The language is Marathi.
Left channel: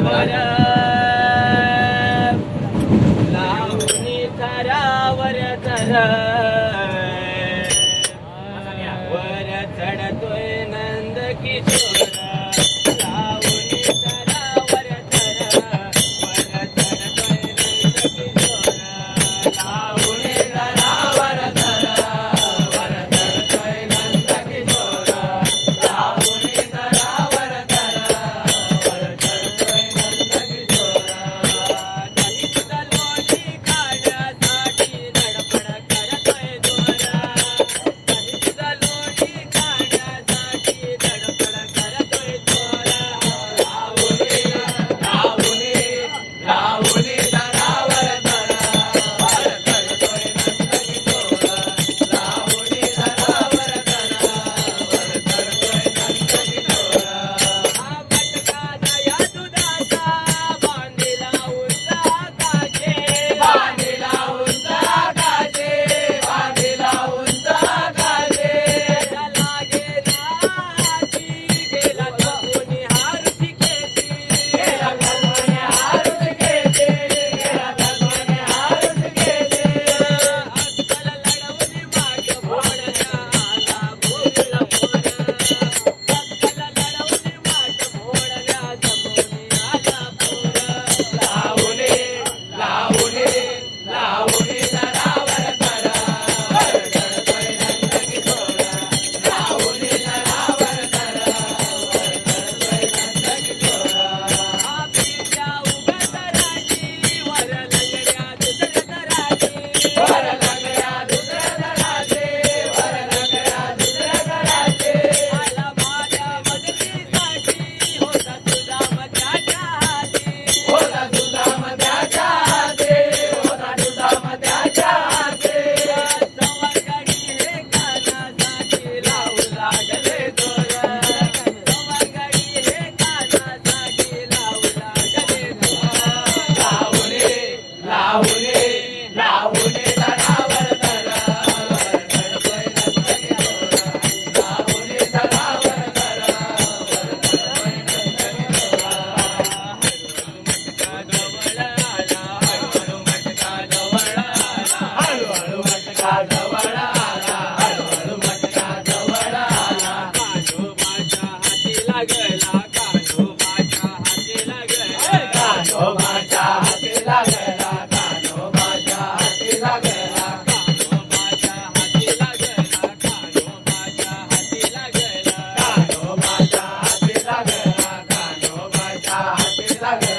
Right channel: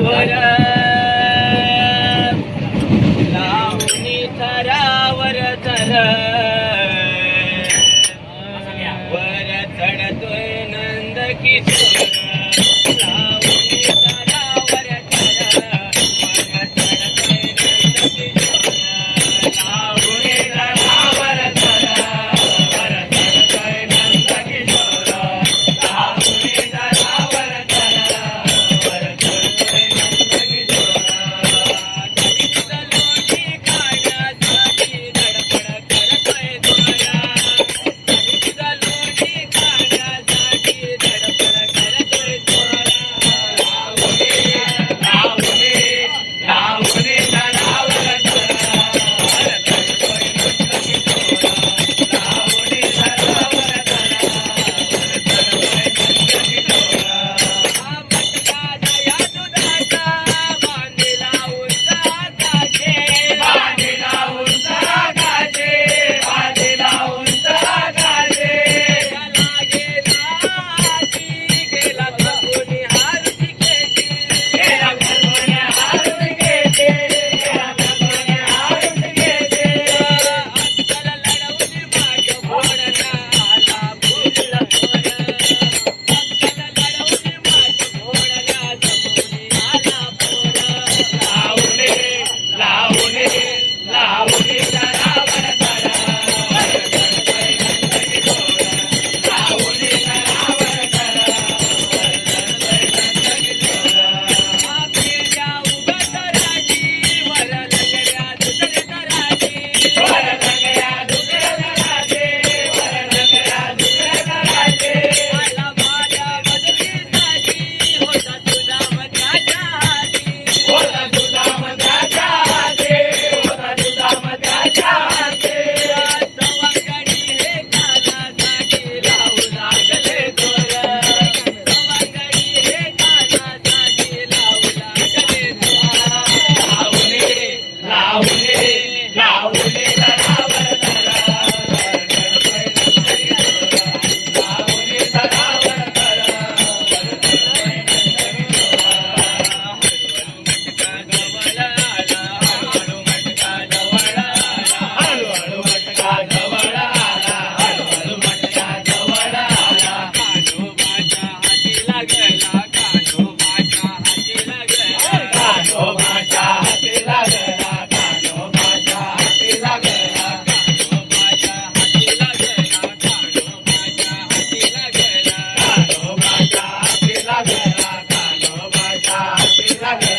वर लावणी थरावर थर वर चढतोय नंद किशोर लावणी थरावर थर वर चढतोय नंद किशोर लावणी थरावर थर वर चढतोय नंद किशोर लावणी थरावर थर वर चढतोय नंद किशोर लोणी खाण्यासाठी धडपड करतोय दोरा लोणी खाण्यासाठी धडपड करतोय दोरा लावणी लावणी लावणी थरावर थर वर चढतोय नंद किशोर लावणी थरावर थर वर चढतोय नंद किशोर मटका दया दुधाचा बांधिला उंचा गाजे बांधिला उंचा गाजे बांधिला उंचा गाजे लागे नाची गेला कोणी हारची केटी गेला कोणी हारची केटी गेला कोणी हारची केटी अक्कल लढवली माग फोडण्या आला फुलला तोर अक्कल लढवली माग फोडण्या जमवणी आला पोर लावणे लावणे लावणे थरावर थर वर चढतोय नंद किशोर लावणे थरावर थर वर चढतोय नंद किशोर पिढ्या उभ्या तराची वर लंगड्या दुसऱ्या तराची वर लंगड्या दुसऱ्या तराची वर लंगड्या दुसऱ्या तराची आला माझ्या मदतीसाठी होता तुझा मध्याच्या हाती होता तुझा मध्याच्या हाती होता तुझा मध्याच्या हाती सवंगडी हे कानासाठी लावू लागले दोर सवंगडी हे कानासाठी लावू लागले दोर लावणे लावणे लावणे थरावर थर वर चढतोय नंद किशोर लावणे थरावर थर वर चढतोय नंद किशोर हळूहळू मटका जवळ आला हळूहळू मटका जवळ आला हळूहळू मटका जवळ आला कान्होबाच्या हाती लागला कान्होबाच्या हाती लागला कान्होबाच्या हाती लागला कान्होबाच्या हाती लागला कान्होबाच्या हाती लागला कान्होबाच्या हाती लागला कान्होबाच्या हाती लागला कान्होबाच्या हाती लागला